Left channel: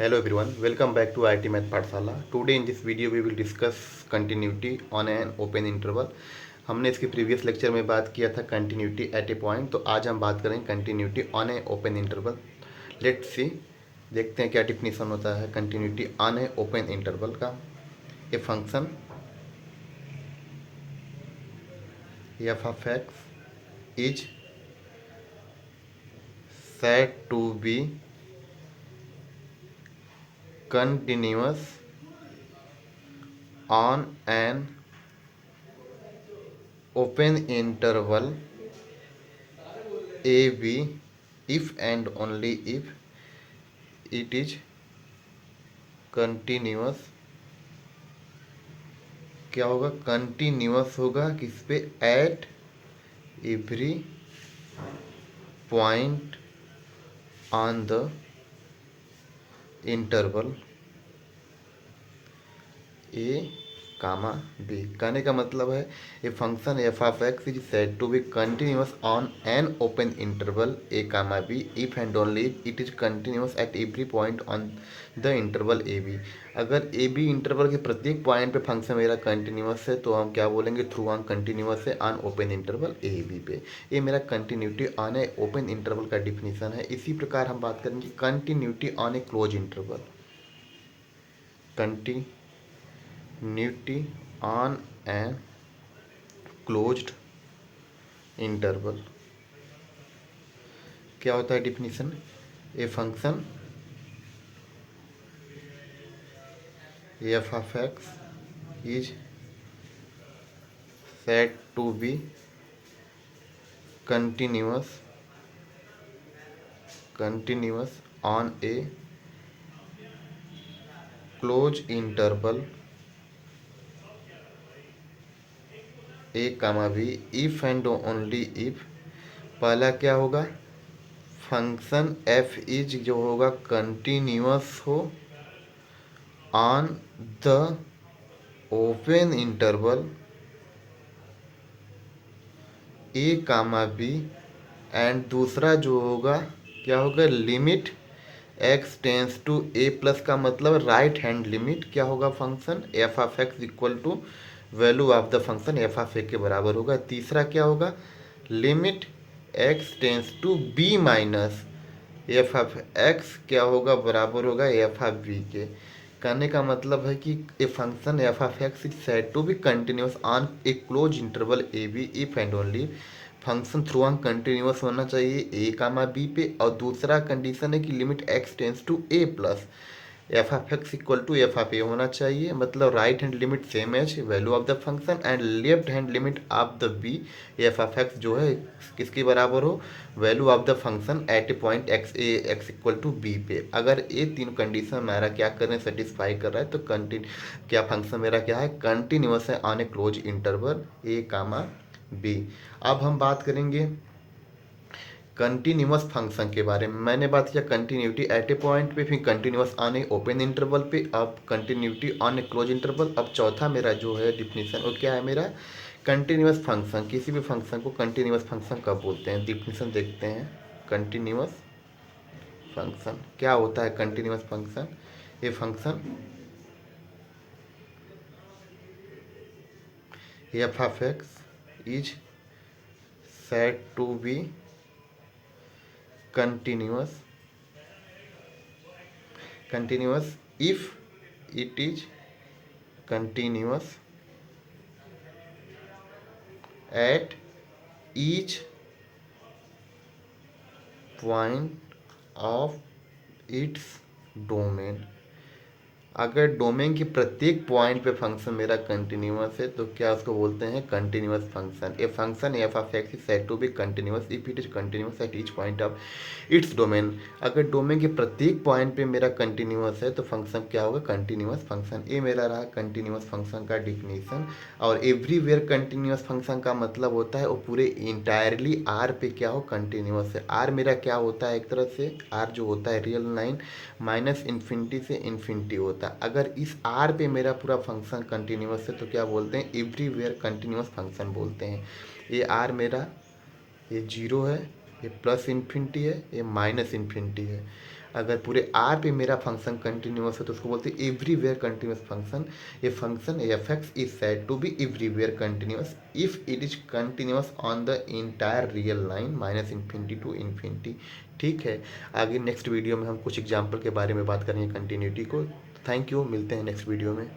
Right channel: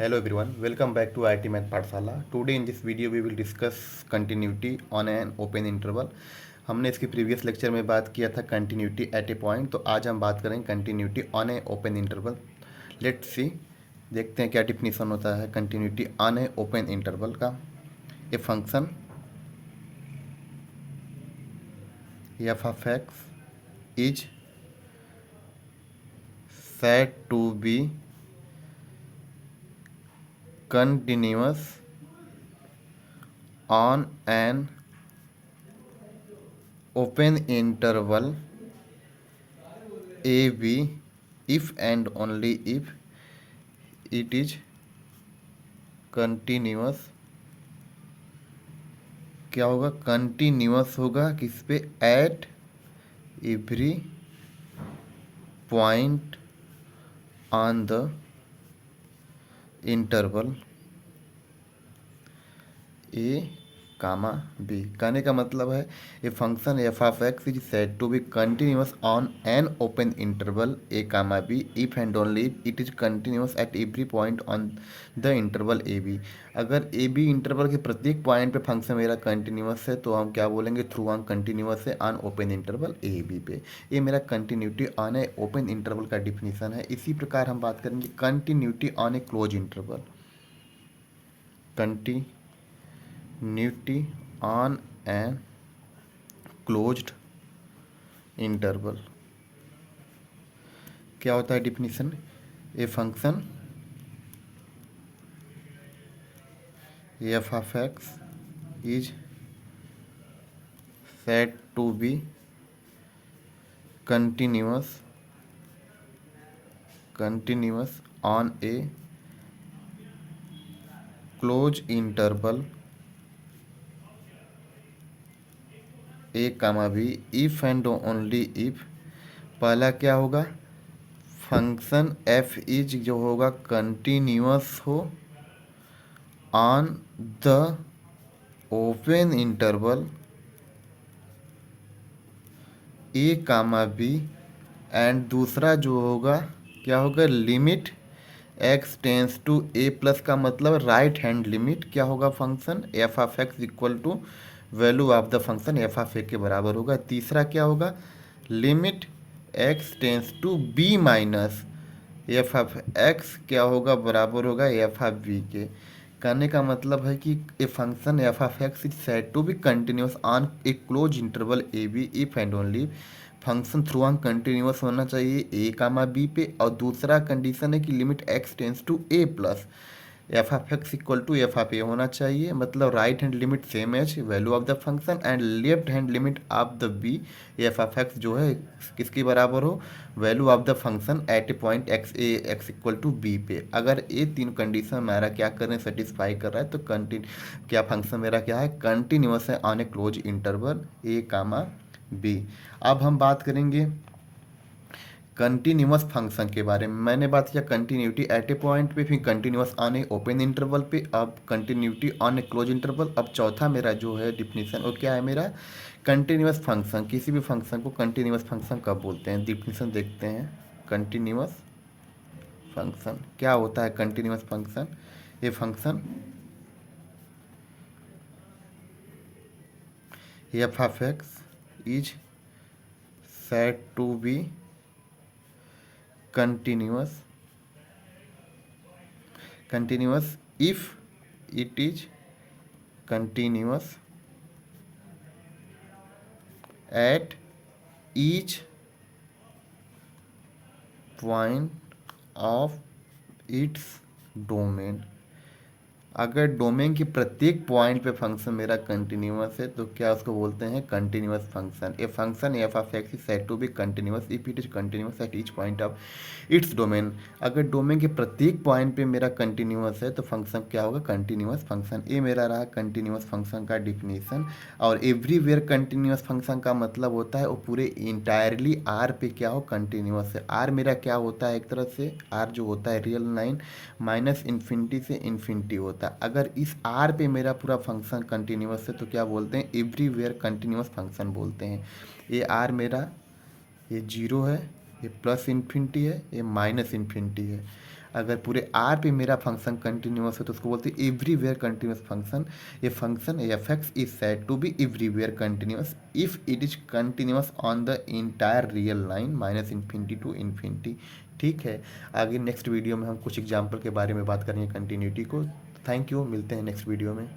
Hello everyone, welcome back to IIT Math Pathshala. Today in this video we will discuss continuity on an open interval. हमने इसके previous lecture में बात किया था continuity at a point, तो आज हम बात करेंगे continuity on a open interval. Let's see, देखते हैं क्या डिफिनीसन होता है continuity on a open interval का. A function F of x is said to be continuous on an open interval AB if and only if it is continuous. क्या होगा? Continuous होगा किस पे? At every point on the interval A comma B. कहने का मतलब है A function F of x is said to be continuous on an open interval A comma B if and only it is continuous at every point on the interval A B. अगर A B interval के प्रत्येक point पे function मेरा continuous है तो हम क्या बोलेंगे? थ्रू ऑन कंटिन्यूअस है on open interval A B पे. ये मेरा continuity on a open interval का डिफिनीसन है. इसी प्रकार हम बात करेंगे continuity on a close interval. Continuity on a closed interval. क्या होता है definition? A function F of x is said to be continuous on a closed interval A comma B if and only if. पहला क्या होगा? Function F is जो होगा continuous हो on the open interval A comma b. And दूसरा जो होगा क्या होगा? Limit x tends to a plus का मतलब राइट हैंड लिमिट क्या होगा? Function F of x equal to value of the function F of a के बराबर होगा. तीसरा क्या होगा? Limit x tends to b minus f of x क्या होगा? बराबर होगा एफ ऑफ बी के. कहने का मतलब है कि A function F of x is said to be continuous on a close interval A B if and only function throughout continuous होना चाहिए ए कामा बी पे. और दूसरा कंडीशन है कि limit x tends to a plus f of x equal to f of a होना चाहिए. मतलब right hand limit same as value of the function and left hand limit of the b f of x जो है किसके बराबर हो? Value of the function at a point x a x equal to b पे. अगर ये तीन condition हमारा क्या कर रहे हैं? सेटिस्फाई कर रहा है तो क्या फंक्शन मेरा क्या है? कंटिन्यूअस है on a close interval A comma B. अब हम बात करेंगे कंटिन्यूअस फंक्शन के बारे में. मैंने बात किया कंटिन्यूटी एट ए पॉइंट पे, फिर continuous on a open interval पे, अब continuity on a close interval. अब चौथा मेरा जो है डिफिनीशन वो क्या है? मेरा कंटिन्यूअस फंक्शन. किसी भी फंक्शन को कंटिन्यूअस फंक्शन कब बोलते हैं? डिफिनीशन देखते हैं. कंटिन्यूअस फंक्शन क्या होता है? Continuous function A function F of x is said to be continuous if it is continuous at each point of its domain. अगर डोमेन के प्रत्येक पॉइंट पे फंक्शन मेरा कंटिन्यूअस है तो क्या उसको बोलते हैं? Continuous function. A function F of x is said to be continuous if it is continuous at each point of its domain. अगर डोमेन के प्रत्येक पॉइंट पे मेरा कंटिन्यूअस है तो फंक्शन क्या होगा? Continuous function. ये मेरा रहा कंटिन्यूअस फंक्शन का डिफिनीशन. और एवरीवेयर कंटिन्यूअस फंक्शन का मतलब होता है वो पूरे इंटायरली आर पे क्या हो? कंटिन्यूअस है. आर मेरा क्या होता है? एक तरह से आर जो होता है रियल लाइन माइनस इन्फिनिटी से इन्फिनिटी होता है. अगर इस आर पे मेरा पूरा फंक्शन कंटिन्यूअस है तो क्या बोलते हैं? एवरीवेयर कंटिन्यूअस फंक्शन बोलते हैं. ये आर मेरा ये जीरो है, ये प्लस इन्फिनिटी है, ये माइनस इन्फिनिटी है. अगर पूरे आर पे मेरा फंक्शन कंटिन्यूस है तो उसको बोलते हैं एवरीवेयर कंटिन्यूस फंक्शन। ये function F X is said to be everywhere continuous if it is continuous on the entire real line minus infinity to infinity. ठीक है, आगे नेक्स्ट वीडियो में हम कुछ एग्जाम्पल के बारे में बात करेंगे कंटिन्यूटी को। थैंक यू, मिलते हैं नेक्स्ट वीडियो में।